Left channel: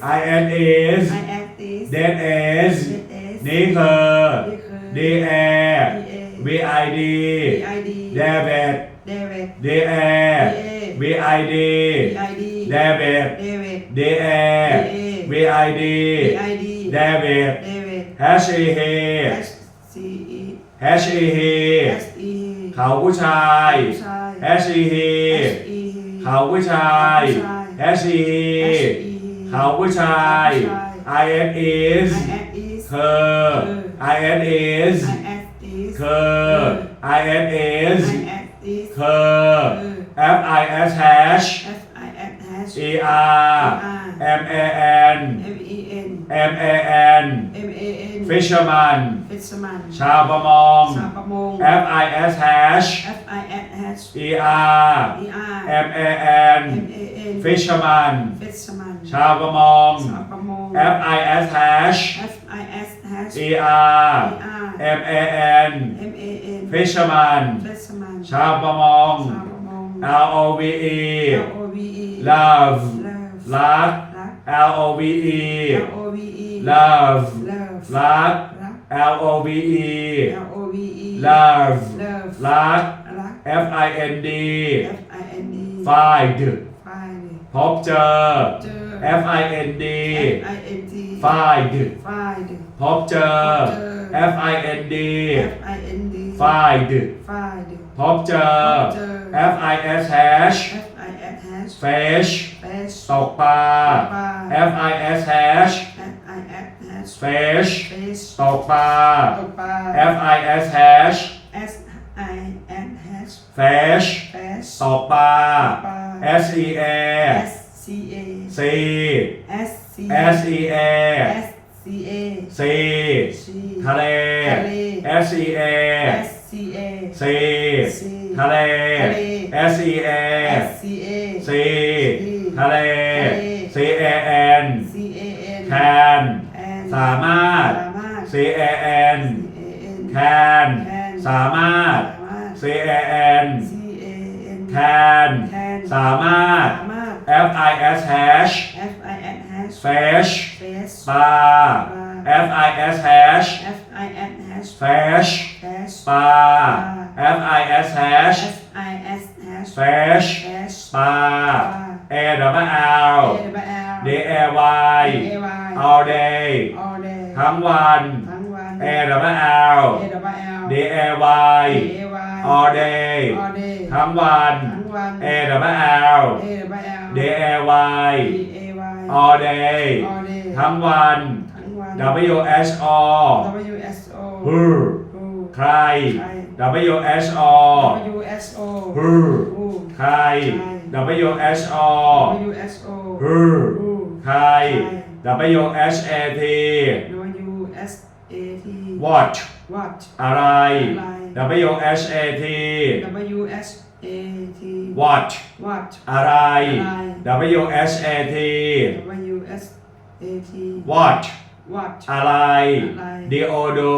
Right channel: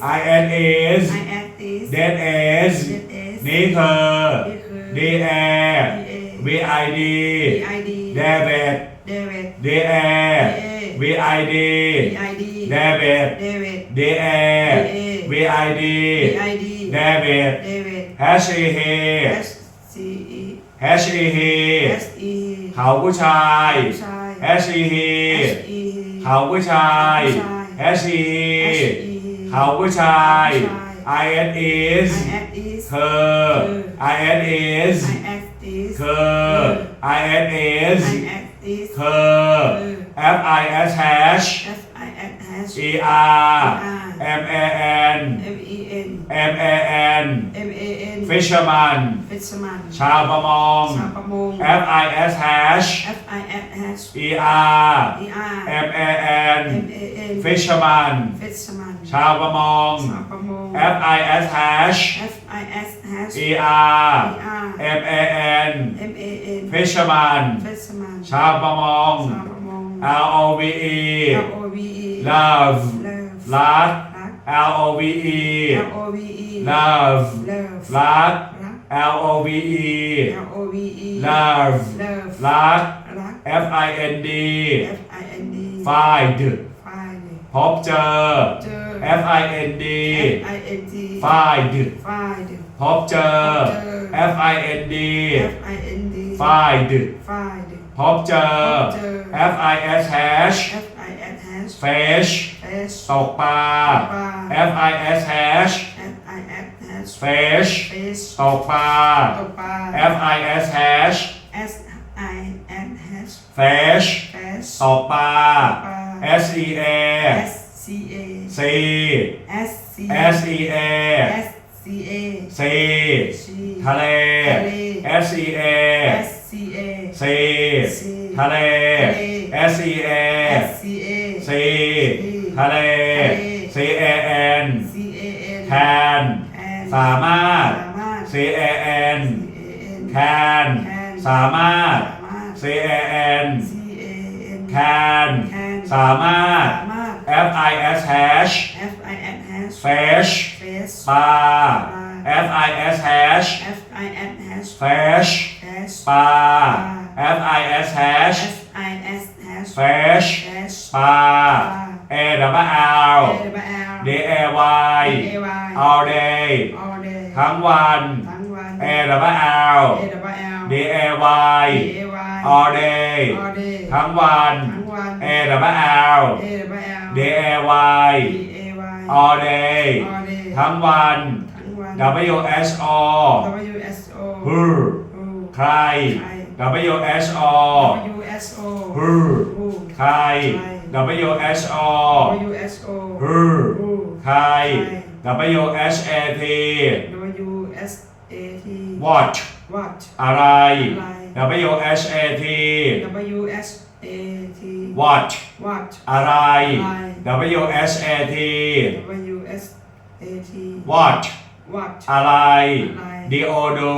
I S S I S S I S S เดดเอส Z S นี่คือ D A V I D I D David David D A V I D I D David David D A V I D I D David David H E H S C E H E H S E เขาผู้ชาย ผู้ชาย H E H S E เขาผู้ชาย H E S H E เขาผู้ชาย I N is I S is เธอ I N is I S is เธอ I N is I S is เธอ F I S H F I S has E R M A N M E N M A N M A N Fisherman Fisherman ชาวประมง ชาวประมง F I S H F I S has E R E R M A N M A N Fisherman Fisherman ชาวประมง ชาวประมง F I S H F I S has E R E R M A N M A N Fisherman Fisherman ชาวประมง ชาวประมง L O V E L O V E love Love รัก รัก L O V E L O V E love Love รัก รัก L O V E L O V E love Love รัก รัก F I N D F I N D find Find พบเจอ เจอ F I N D F I N D find Find พบเจอ F I N D F I N D find Find พบเจอ เจอ F I S H F I S has fish Fish ตกปลา ปลา F I S H F I S has fish Fish ตกปลา ตกปลา F I S H S I N has fish Fish ตกปลา ปลา S E A S C A C S C S E A S C A C C ทะเล ทะเล S E A S C A C C ทะเล ทะเล S E A S C A C สามารถ สามารถ C A N C A N can can สามารถสามารถ C A N C A N can can สามารถสามารถ F I S H F I N has fish Fish ปลา F I S H F I N has fish Fish ปลา F I S H F I S has fish Fish ปลา A W L A L D A Y A Y all day all day ทั้งวันทั้งวัน A W L A W L D A Y A Y all day all day ทั้งวัน ทั้งวัน A W L A W L D A Y D A Y all day all day ทั้งวัน ทั้งวัน W S O W S O who ฮูใครใคร W S O W S O who ฮูใคร W S O W S O who ฮูใคร W S A T W S A T watch what อะไรอะไร W S A T W S A T watch what อะไรอะไร W S A T W S A T watch what อะไรอะไร D O do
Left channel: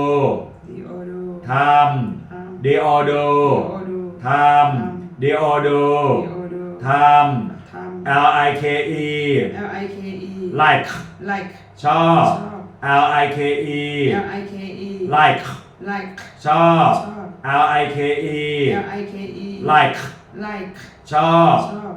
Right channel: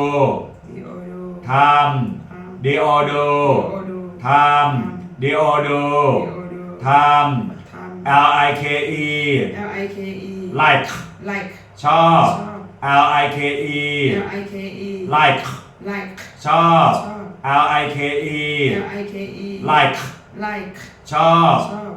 D O do ทำ ทำ D O do D O do ทำ D O do D O do ทำ ทำ L I K E L I K E like like ชอบ ชอบ L I K E L I K E like like ชอบ ชอบ L I K E L I K E like like ชอบ ชอบ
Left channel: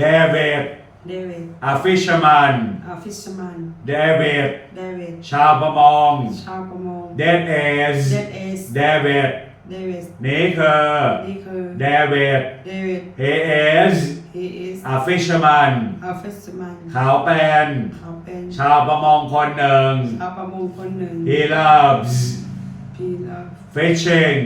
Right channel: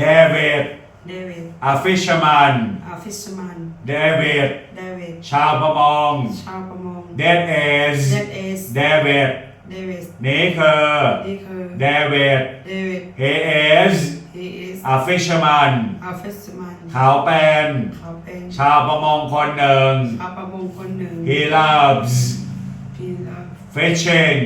David David a fisherman a fisherman David David ชาวประมง ชาวประมง That is That is David David นี่คือ นี่คือ David David he is he is a fisherman a fisherman เขาเป็น เขาเป็น ชาวประมงคนหนึ่ง ชาวประมงคนหนึ่ง he loves he love fishing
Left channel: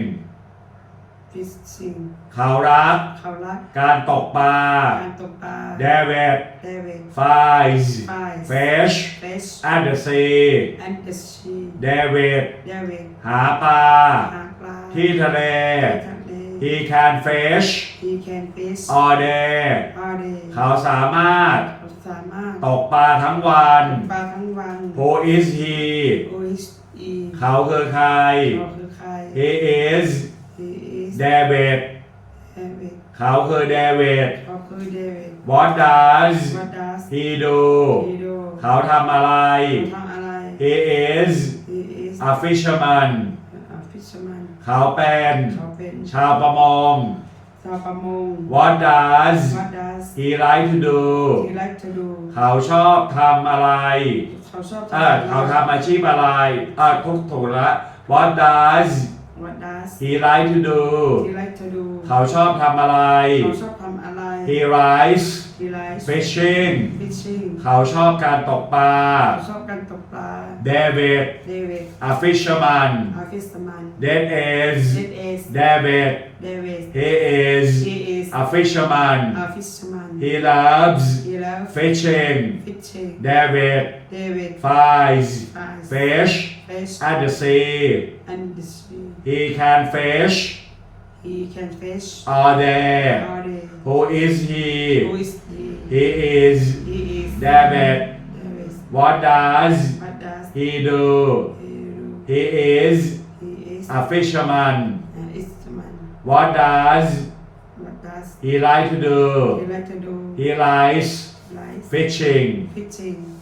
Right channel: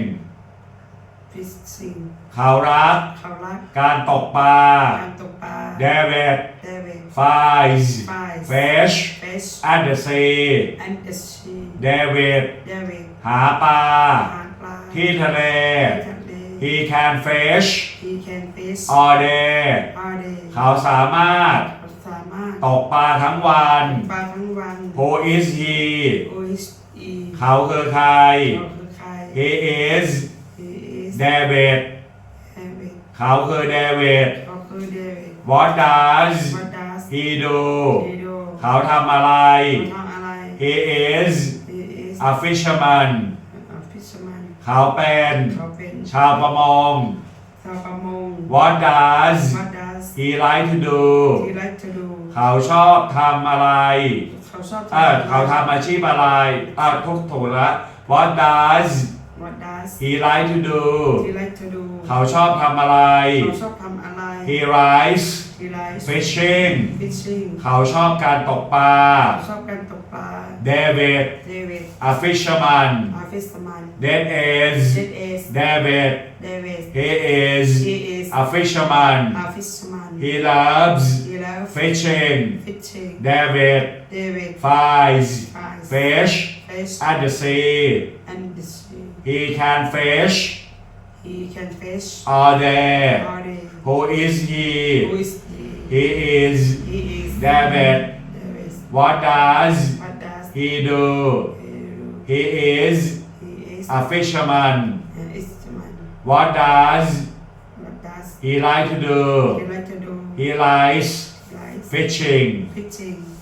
fishing เขารักเขารัก การตกปลา การตกปลา David David finds finds fish fish at the sea and the sea David David หาปลา หาปลา ที่ทะเล ที่ทะเล He can fish he can fish all day all day เขาสามารถเขาสามารถ ตกปลาทั้งวันตกปลาทั้งวัน Who is he Who is he เขาคือใคร เขาคือใคร He is He is David David เขาคือ David เขาคือ David What does What does he do he do เขาทำอะไร เขาทำอะไร He is He is a fisherman a fisherman เขาเป็นเขาเป็นชาวประมง ชาวประมง What does What does he like to do he like to do เขาชอบทำอะไร เขาชอบเออเขาทำอาชีพอะไรอะทุกถูกละ What does What does he like to do he like to do เขาชอบทำอะไร เขาชอบทำอะไร He likes he likes fishing fishing เขาชอบการตกปลา เขาชอบการตกปลา David David a fisherman a fisherman That is It is David David he is he is a fisherman a fisherman he loves he loves fishing fishing David David finds finds fish fish at the sea and the sea he can fish? He can fish. All day all day who is he? Who is he? He is he is David. David. What does what does he do? he do? He is he is a fisherman. an instrument what does what does he like to do? he like to do? He likes like fishing. fishing